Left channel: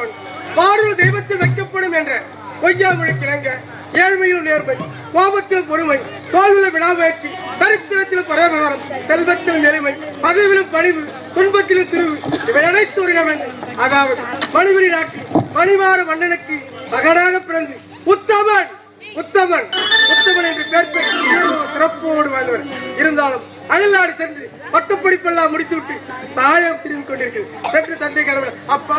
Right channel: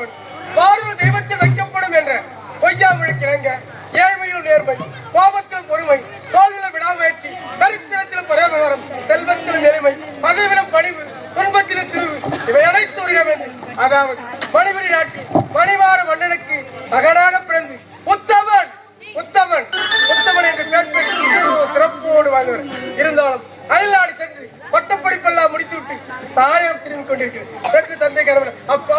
பிறந்தவன் பாரூர் தெய்வத்தில் வைக்கப்படும் என்ற பொய்யா முழிக்கிறங்க. ஏழ்மையில் நேர்மை, கோபத்தில் பொறுமை, தோல்வியில் விடாமுயற்சி, தரித்திரத்தில் பரவரம், செல்வத்தில் எளிமை, பதவியிலும் பணிவு, துன்பத்தில் திருவு, இவை அனைத்து உடைய வேண்டும். அதாவது மணிவெளி நாட்டில் மணிமாற மன்னனுக்கு மகனாக பிறந்து உத்தமன் உத்தமன் உத்தமன் என்று பெயர் பெற்று சிறப்போடு வாழ்வர். இருந்தாலும் அயல்நாடு சென்று பட்டப்படிப்பெல்லாம் முடித்துவிட்டு தாயம் திரும்பிக் கொண்டிருக்கு. சென்று தந்தை கடவுள் அப்பா